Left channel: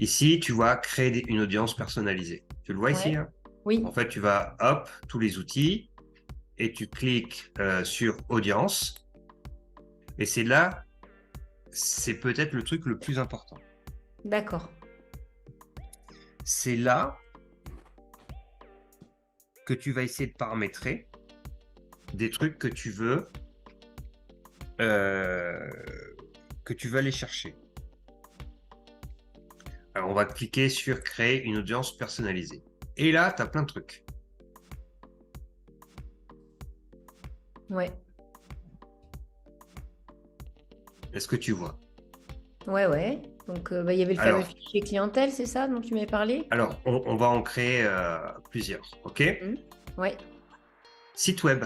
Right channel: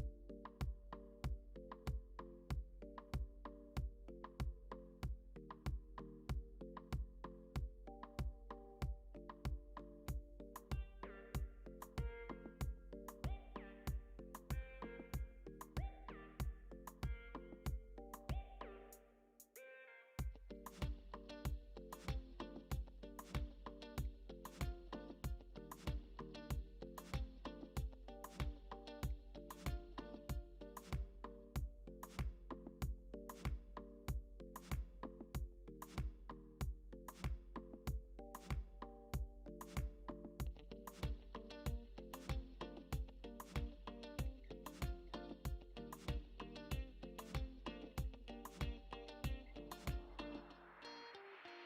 Ici, tu vois créer une audience personnalisée. Tu le vois ici, Ouais. hein? Oui. En fait, tu vas, hop, tous les outils, et tu cliques sur audience. Et c'est là, c'est peut-être le truc le plus important. D'accord. C'est là que tu vas essayer de paramétrer des trucs euh, que tu veux aller chercher. Alors, on va cliquer sur créer une audience personnalisée. Et là, tu as plein de trucs. Ouais. Est-ce que tu vois? Ouais, ouais. Donc, il y avait le fameux Alors, fichier clientèle, c'est ça dont tu m'avais parlé? on va en créer plusieurs, ok? Mhm. Ouais. Site web.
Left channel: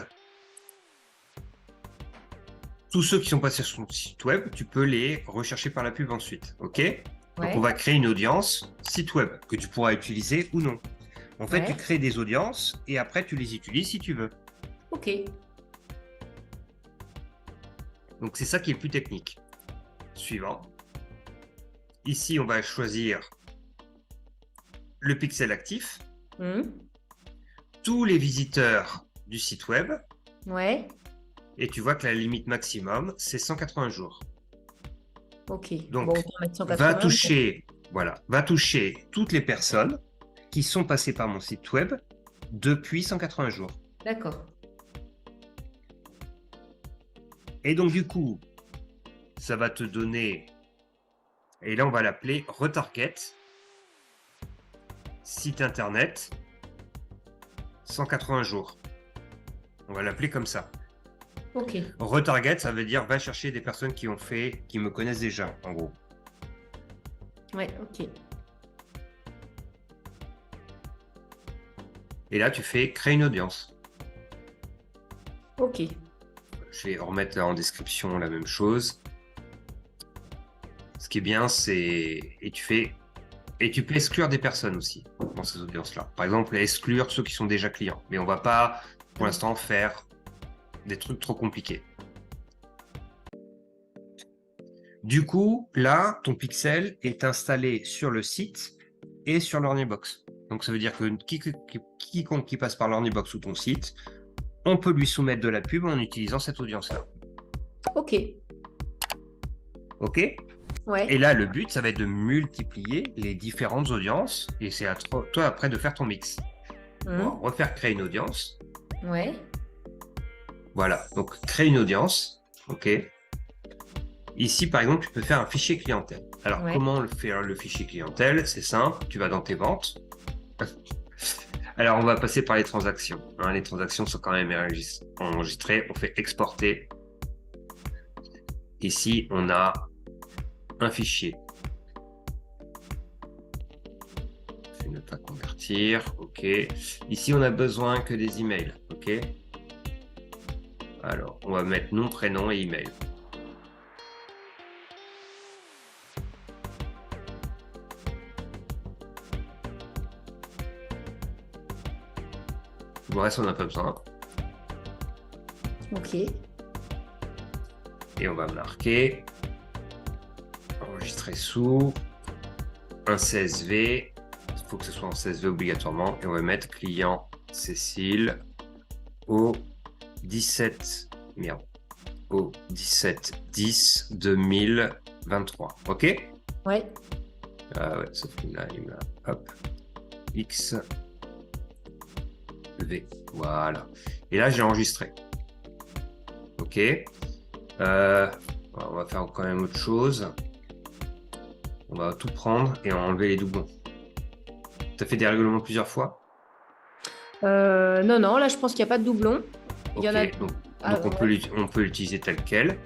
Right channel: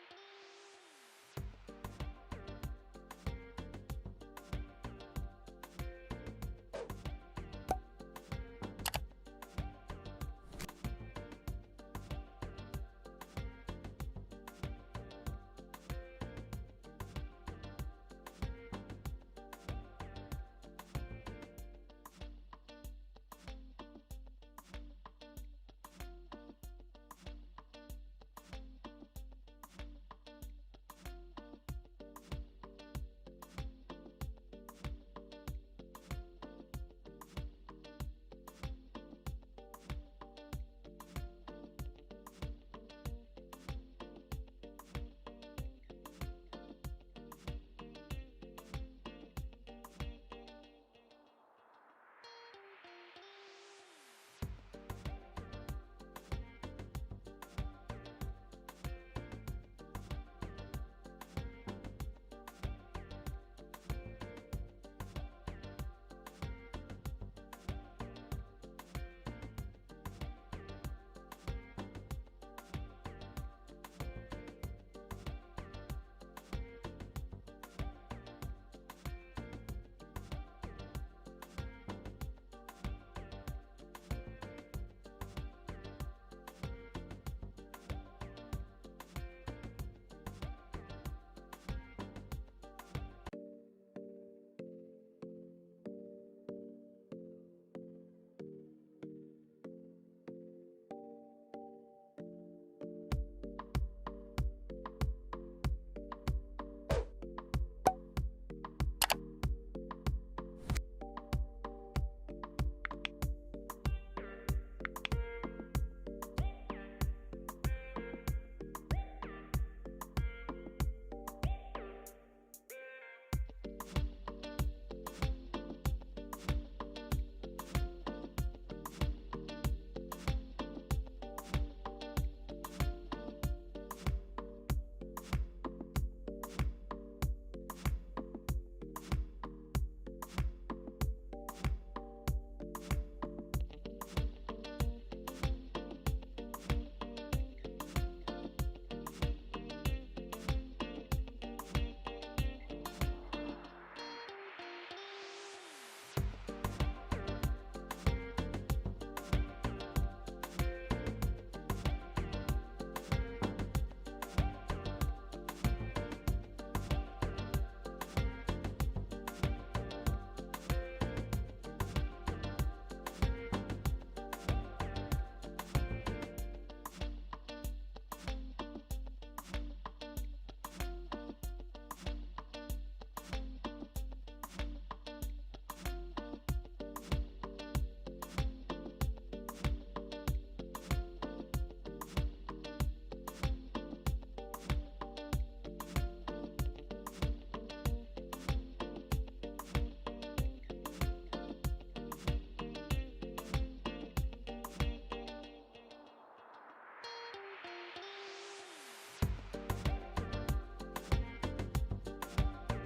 Tous ceux qui sont passés sur ton site web, tu peux les rechercher par la pub ensuite, ok? Donc, on Ouais. va créer une audience site web que tu pourras utiliser ou non. En fait, tu Ouais. crées des audiences et après, tu les utilises si tu veux. Ok. Donc, c'est ça qui est plus technique. Suivant. Ici, on va choisir le pixel actif. Mhm. Tous les visiteurs du site web. Ouais. Et tu vois que la limite maximum, c'est 180 jours. Ok. Bon, Donc, autant mettre va 180. toucher, voilà, va toucher toutes les personnes qui sont passées par mon site web depuis 180 jours. D'accord. Et donc, du coup, ça va te donner, et là, on va l'appeler retarget, site internet, 180 jours. On va l'appeler comme ça. Ok. Retarget, ça veut dire va chercher des personnes qui me connaissent déjà, en gros. Ouais, ok. Et là, tu fais créer une audience. Ok. Je vais remettre là en description la même chose. Ce qui est bien, c'est... Et tu peux exclure des personnes aussi dans ces audiences-là. Par exemple, exclure ceux qui sont déjà clients. Mais on va pas, pour l'instant, faire des trucs trop compliqués. Du coup, là, ton pixel est installé sur le site et sur l'Ornibox. Donc, ça veut dire que quiconque qui passe par l'Ornibox ou ton site, on peut lui soumettre de la pub en utilisant cette audience-là. Ok. OK? Ouais. Et là, le but, ça va être de multiplier les différentes audiences et c'est à toi après de faire ton mix. On va Mhm. refaire créer une audience. Ouais. Voilà, donc créer une audience. OK. Ici, par exemple, tu peux faire un fichier clientèle. Alors, Ouais. comment faire le fichier clientèle? C'est simple, tu vas dans tes ventes. Alors, on va passer par les transactions. Hein, les transactions sont quand même enregistrées. On fait exporter. Ici, on a un fichier. Je vais ne pas convertir. OK. Ici, on a besoin que des emails. OK. Alors, on va mettre nom, prénom et email. Le reste, on n'a pas besoin. Ok. Et on va marquer enregistrer sous un CSV. Il faut que ce soit en CSV obligatoirement. Et on va mettre client Cécile au 17 merde, au 17-10-2023. OK? Ouais. Ouais, sauf que là, il me hop, X, V. Voilà. Et là, j'ai enregistré. OK. On va faire quand même autre chose. On va tout prendre et enlever les doublons. Tu as fait des règlements plusieurs fois? Non, non, là, je pense qu'il n'y a pas de doublon. Il y en a. OK. Donc, Ah, on ouais. peut l'utiliser tel quel.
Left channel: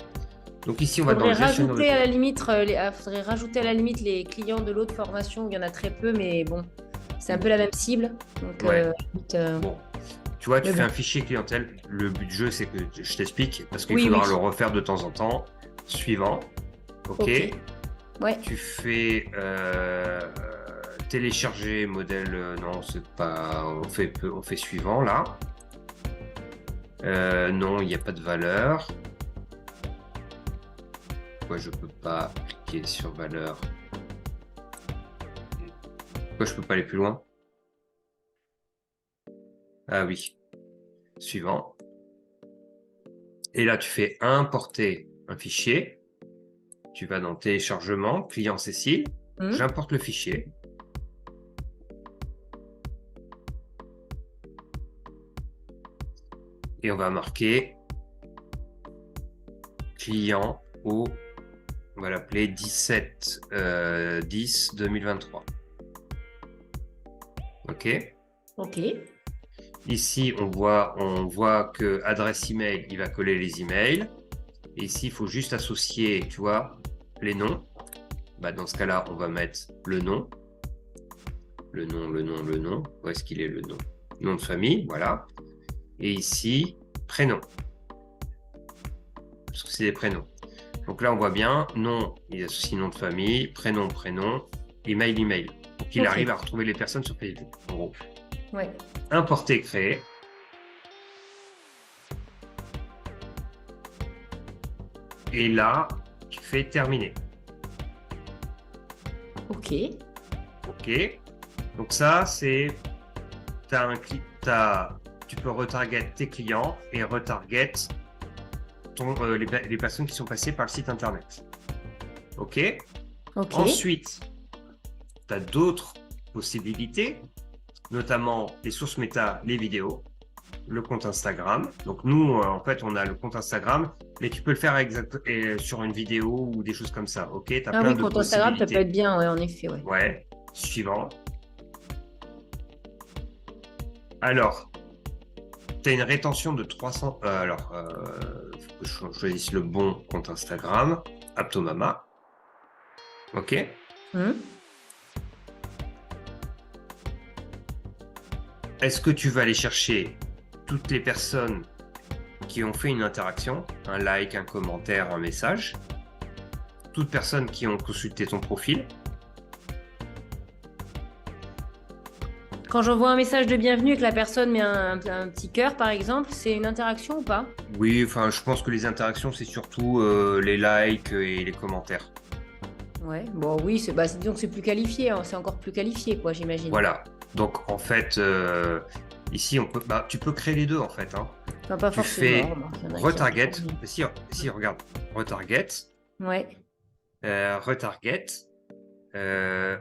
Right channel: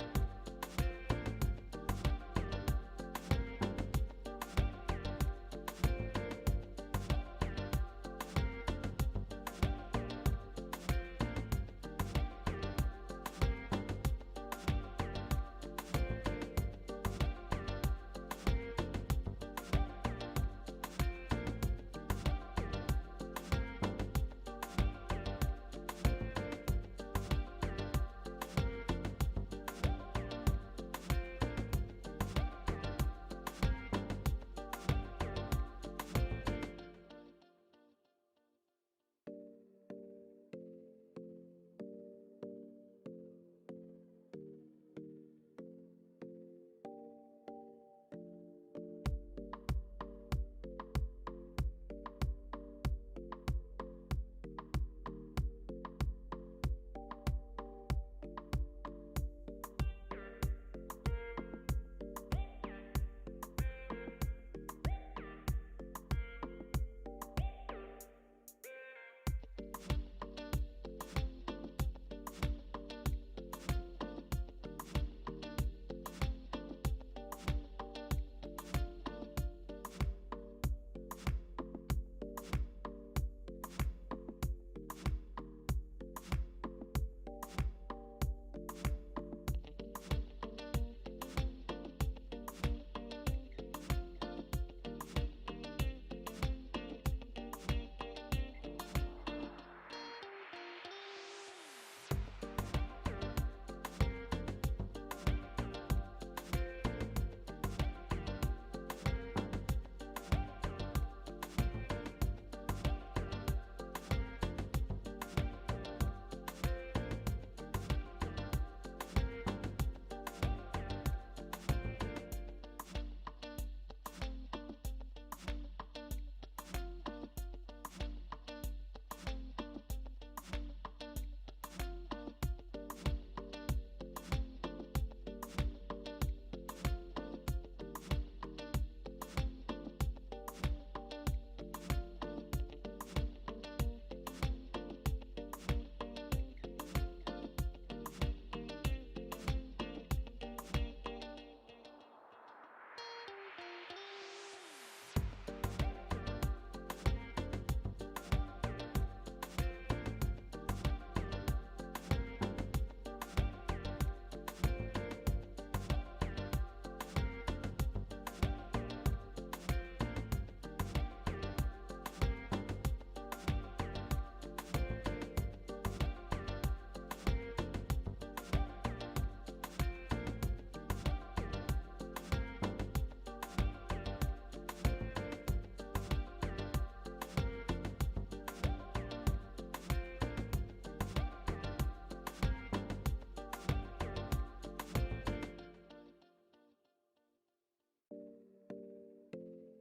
Donc ici, on va dans Faudrait le gestionnaire de rajouter à la compte. limite, faudrait rajouter à la limite les clients de l'autre formation. Il y en a très peu, mais bon, c'est un peu la même cible. Donc, Ouais. limite, Bon. Tu vois, tu mais fais bon. un fichier clientèle. Le but du jeu, c'est que je t'explique parce qu'il Oui, oui. faudra le refaire de temps en temps. Suivant. OK. Ok. Ouais. Tu fais télécharger modèle. Non, c'est pas. On fait suivant là. Non, il n'y a pas de valeur. Pourquoi je peux pas cliquer sur valeur? Pourquoi je peux pas aller plus loin? Ah oui. Suivant. Et là, tu fais importer un fichier. Tu vas dans téléchargement, client Cécile. J'importe le fichier. Et on va marquer client au, on va l'appeler 17-10-2023. OK. OK. Ici, on voit que adresse email, il va coller les emails. Et ici, il faut juste associer, tu vois, les noms. Bah, dans ce cas-là, on va mettre le nom. Le nom. Où est-ce qu'il est le nom? Nom de famille, voilà. Et ici, prénom. Parce que c'est des prénoms. Donc là, on voit bien, nom, il associe nom de famille, prénom, email. Donc il arrive à retrouver les personnes sur Facebook, en gros. Ouais. Importer, créer. Et là, tu fais terminer. OK. Donc ça, c'est... tu peux retarget tes clients et retarget les personnes qui sont passées par le site internet. OK. Ensuite, tu as d'autres possibilités, notamment les sources méta, les vidéos, le compte Instagram. Donc nous, en fait, on a le compte Instagram, mais tu peux le faire sur une vidéo ou des choses comme ça. OK. T'as plein de compte Instagram, ça peut être bien, ouais, en effet. Ouais. Suivant. Alors, tu as une rétention de 300. Faut que je choisisse le bon compte Instagram. Aptomama. OK. Est-ce que tu vas aller chercher toutes les personnes qui ont fait une interaction, un like, un commentaire, un message, toutes personnes qui ont consulté ton profil? Quand j'envoie un message de bienvenue et que la personne met un petit cœur, par exemple, c'est une interaction ou pas? Oui, enfin, je pense que les interactions, c'est surtout les likes et les commentaires. Ouais, bon, oui, disons que c'est plus qualifié, hein, c'est encore plus qualifié, quoi, j'imagine. Voilà. Donc, en fait, ici, tu peux créer les deux, en fait. Hein. Enfin, pas Tu forcément. fais retarget. Si, regarde. Retarget. Ouais. Retarget.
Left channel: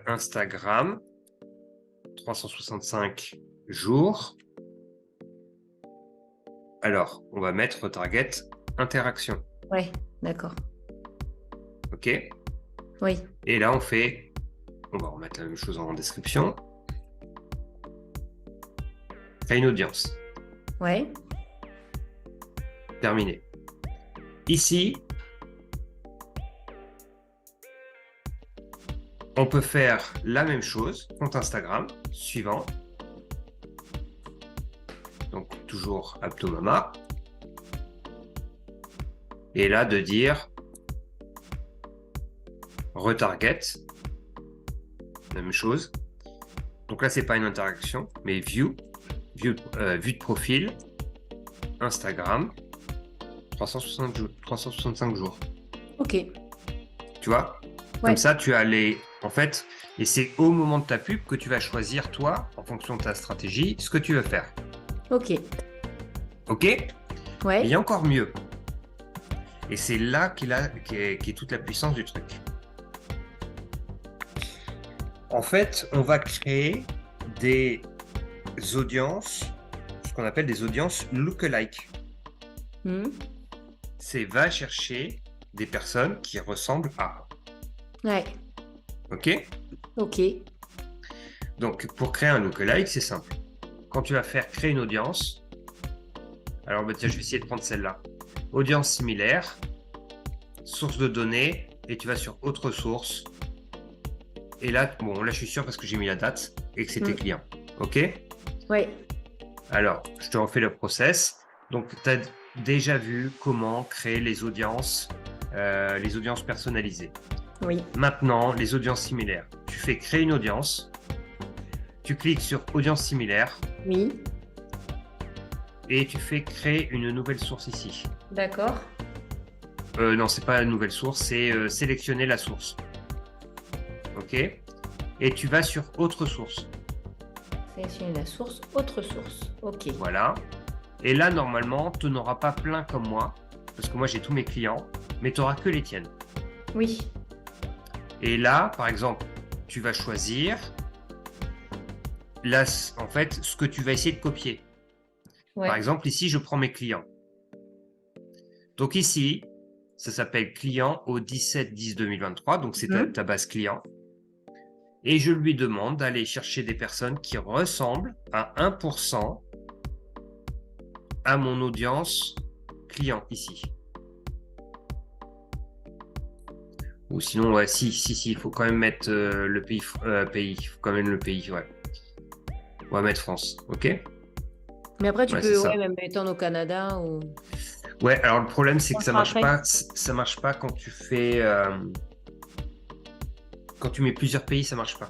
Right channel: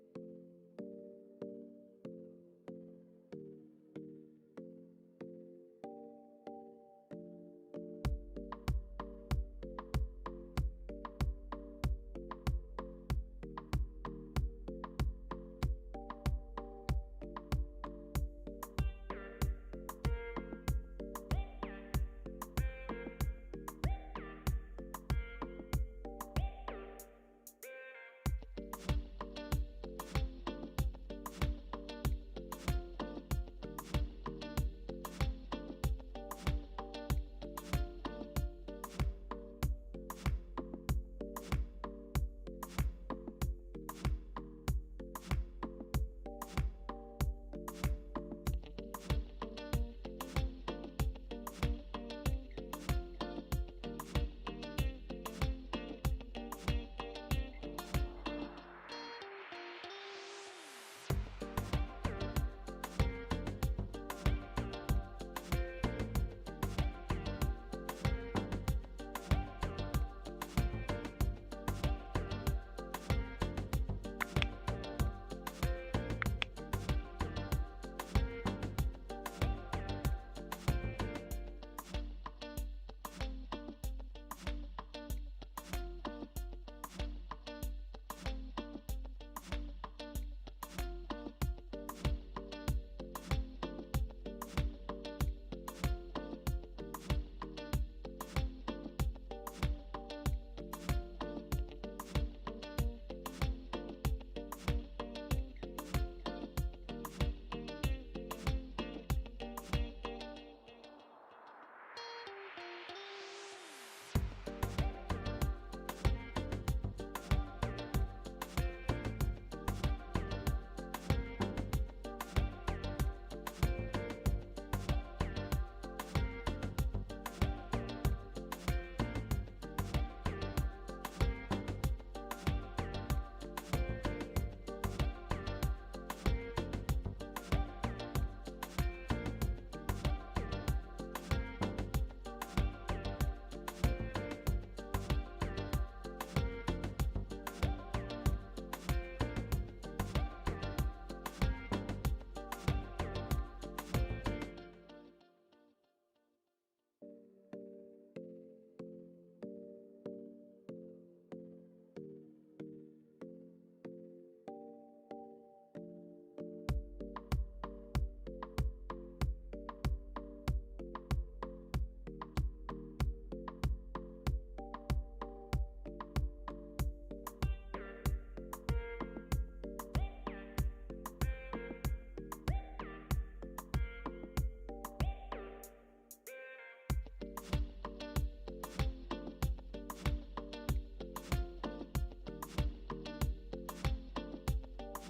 Instagram. 365 jours. Alors, on va mettre retarget interaction. Ouais, d'accord. OK. Oui. Et là, on va remettre la même chose en description. Créer une audience. Ouais. Terminé. Ici, on peut faire la même chose, compte Instagram, suivant. Donc, toujours Aptomama. Et là, de dire retarget. Même chose. Donc là, c'est pas une interaction, mais vue de profil, Instagram, 365 jours. OK. Tu vois? Ouais. Comme ça, tu as en fait, et c'est au moment de ta pub que tu vas choisir, toi, en fonction de ta stratégie, ce que tu veux faire. OK. OK? Ouais. Il y a encore mieux. Et c'est là qu'est toute la puissance du truc. En fait, on va créer des audiences, ce qu'on appelle des audiences lookalike. C'est va chercher des personnes qui ressemblent à. Ouais. OK? OK. Donc, pour créer un lookalike, c'est simple. Quand tu vas faire créer une audience, alors tiens, je vais essayer de prendre celle-là. Audience similaire, source de données, et tu vas sur autre source. Et là, là, je suis sûr parce que j'ai mis la date et que c'est tes clients. OK? Oui. Alors, je te refais le process. Donc, tu as déjà vu comment créer les audiences personnalisées. Oui. Maintenant, les audiences similaires. Tu fais créer une audience. Tu cliques sur audience similaire. Oui. Et tu fais créer une nouvelle source ici. D'accord. Non, c'est pas la nouvelle source, c'est sélectionner la source. OK. et tu vas sur autre source. Sélectionner la source, autre source. Ok. Voilà. Et là, normalement, tu n'auras pas plein comme moi, parce que moi, j'ai tous mes clients, mais tu n'auras que les tiennes. Oui. Et là, par exemple, tu vas choisir, là, en fait, ce que tu vas essayer de copier. Ouais. Par exemple, ici, je prends mes clients. Donc ici, ça s'appelle client au 17-10-2023, donc c'est ta base client. Et je lui demande d'aller chercher des personnes qui ressemblent à 1% à mon audience client ici. Ou sinon, ouais, si, il faut quand même mettre le pays, il faut quand même le pays, ouais. On va mettre France, ok? Mais après, tu Ouais, peux c'est ça. même étendre au Canada ou... Ouais, alors le problème, c'est On que le ça fera marche après. pas. Ça marche pas quand tu fais, quand tu mets plusieurs pays, ça marche pas.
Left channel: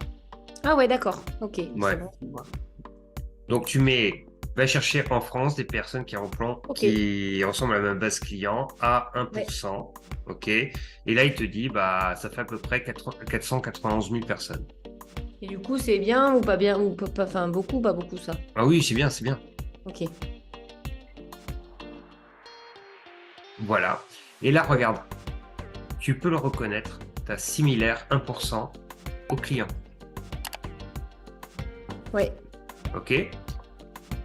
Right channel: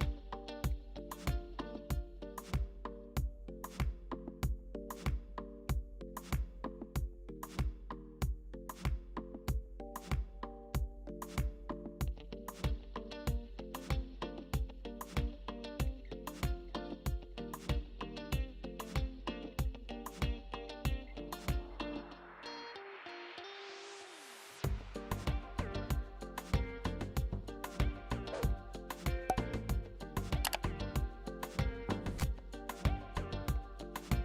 Ah ouais, d'accord. Ok. Ouais. C'est bon. Donc va chercher en France des personnes qui ressemblent à la même base client à 1%, ok? Et là, il te dit, bah, ça fait à peu près 491 000 personnes. Et du coup, c'est bien ou pas bien ou pas, enfin beaucoup, pas beaucoup ça. Ah oui, c'est bien, c'est bien. Ok. Voilà. Et là, regarde, tu peux le reconnaître, tu as similaire 1% au client. Ouais. Ok?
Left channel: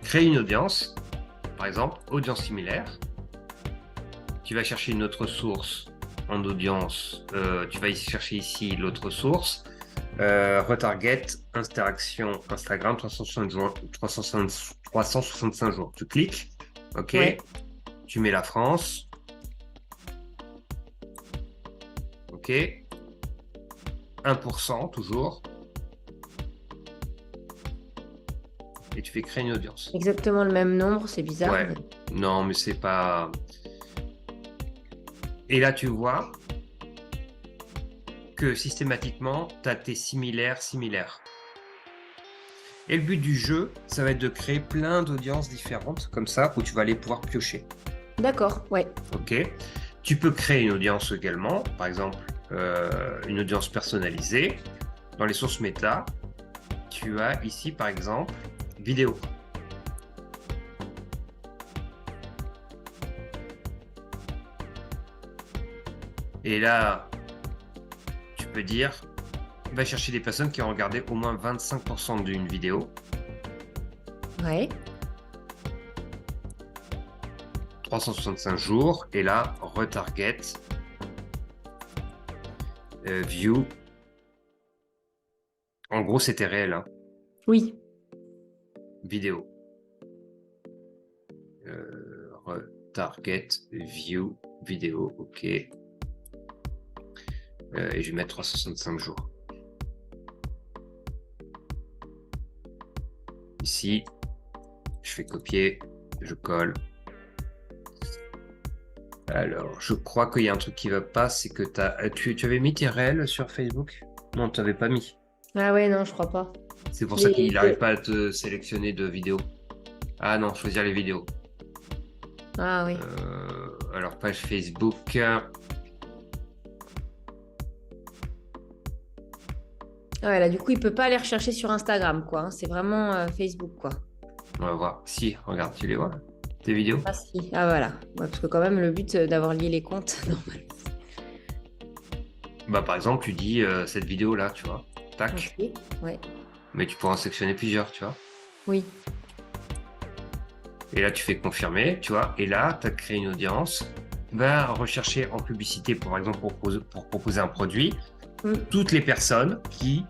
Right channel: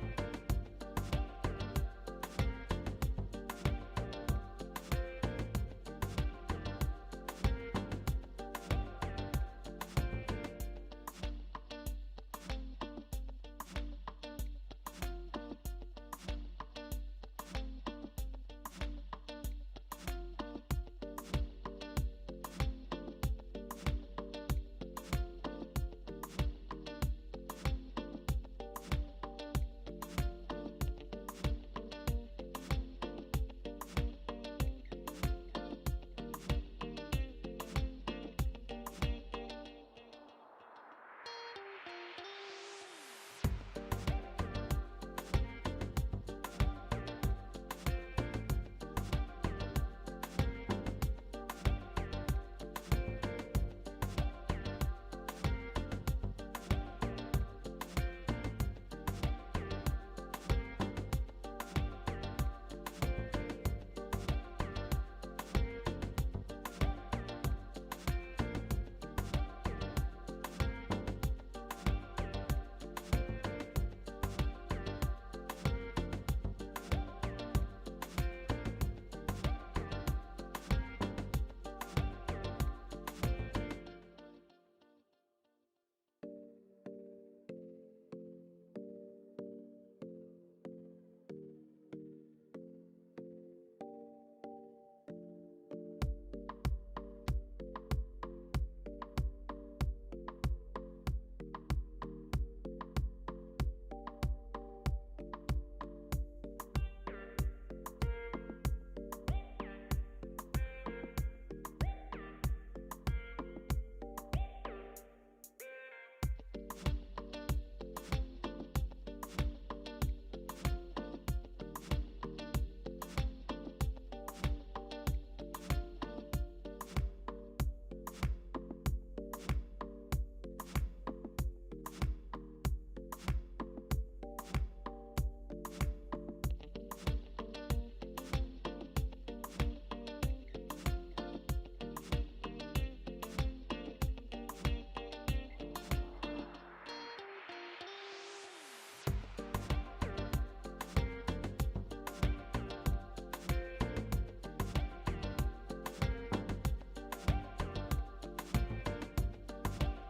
Crée une audience, par exemple, audience similaire. Tu vas chercher une autre source en audience. Tu vas chercher ici l'autre source. Retarget, interaction Instagram, 365 jours. Tu cliques. Ok. Ouais. Tu mets la France. Ok. 1% toujours. Et tu fais créer une audience. Exactement le même nombre, c'est bizarre. Ouais. Mais... Non, mais c'est pas... Et là, tu vois que systématiquement, tu as tes similaires. Et le but du jeu, ça va être de créer plein d'audiences différentes, comme ça, où tu vas aller pouvoir piocher. D'accord, ouais. Ok. Tu peux créer une audience également, par exemple, une audience personnalisée. Dans les sources méta, tu as ici, par exemple, vidéo. Et là, tu peux dire, va chercher des personnes qui ont regardé au moins 25% d'une vidéo. Ouais. 365 jours. Et là, retarget, view. En gros, c'était réel. Hein. Oui. Vidéo. Retarget, view, vidéo. Ok. Et je vais mettre 365 jours. Ici, je fais copier, je colle. Alors, je crois qu'il y a un truc qui va pas, c'est que tu avais mis tes réels sur Facebook? Non, tu n'avais pas mis. Ah ouais, non, je crois pas. C'est pour ça qu'il n'arrive pas à te sélectionner de vidéos. Ah non, choisir les vidéos. Ah oui. Alors, page Facebook. Ah ouais, là, du coup, il peut pas aller rechercher sur Instagram, quoi. Hein. C'est vraiment Facebook, quoi. On va voir. Si, regarde, tu les vois, tes vidéos? Ah si. Ah voilà. Ouais, parce que quand même, le but d'avoir lié les comptes. Bah, par exemple, tu dis cette vidéo-là, tu vois. Tac. Ok. Ouais. Mais tu pourras en sélectionner plusieurs, tu vois. Oui. Et là, tu fais confirmer, tu vois. Et là, tu as créé une audience. Va rechercher en publicité, par exemple, pour proposer un produit, toutes les personnes qui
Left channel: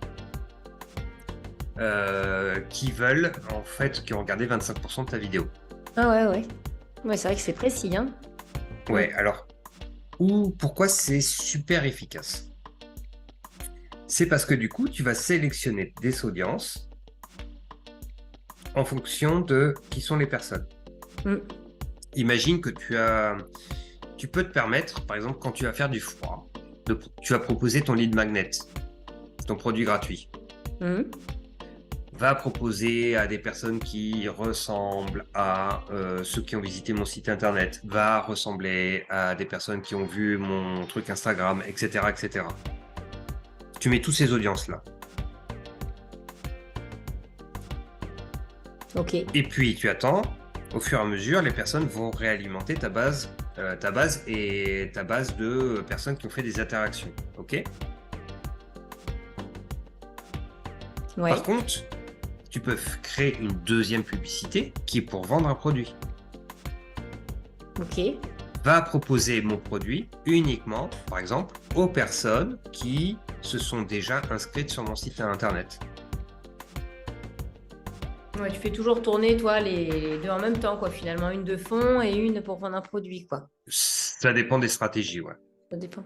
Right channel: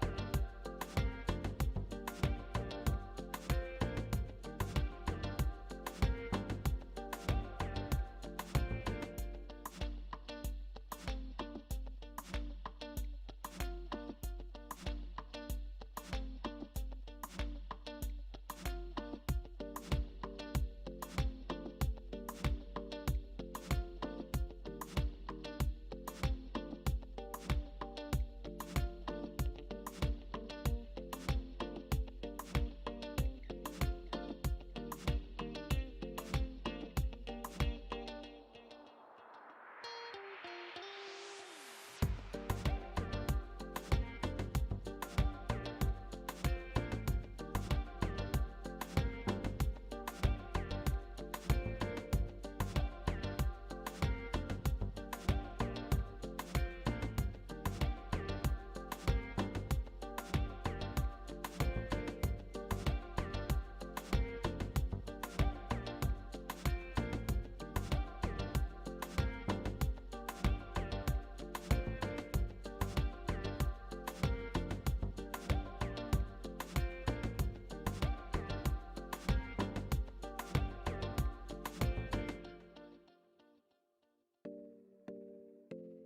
veulent, en fait, qui ont regardé 25% de ta vidéo. Ah ouais, ouais. Ouais, c'est vrai que c'est précis, hein. Ouais, alors, pourquoi c'est super efficace? C'est parce que du coup, tu vas sélectionner des audiences en fonction de qui sont les personnes. Imagine que tu peux te permettre, par exemple, quand tu vas faire du froid, tu vas proposer ton lead magnet, ton produit gratuit. Va proposer à des personnes qui ressemblent à ceux qui ont visité mon site internet, va ressembler à des personnes qui ont vu mon truc Instagram, etc., etc. Tu mets toutes ces audiences-là. Ok. Et puis tu attends, au fur et à mesure, les personnes vont réalimenter ta base et ta base de personnes qui ont fait des interactions. Ok. Ouais. Par contre, tu peux créer une deuxième publicité qui est pour vendre un produit. Ok. Va proposer mon produit uniquement, par exemple, aux personnes qui se sont déjà inscrites sur mon site internet. Ouais, tu fais toujours tourner, toi, les deux en même temps, quoi, finalement. Une de fond et une pour vendre un produit, quoi. Ça dépend des stratégies, ouais. Ça dépend.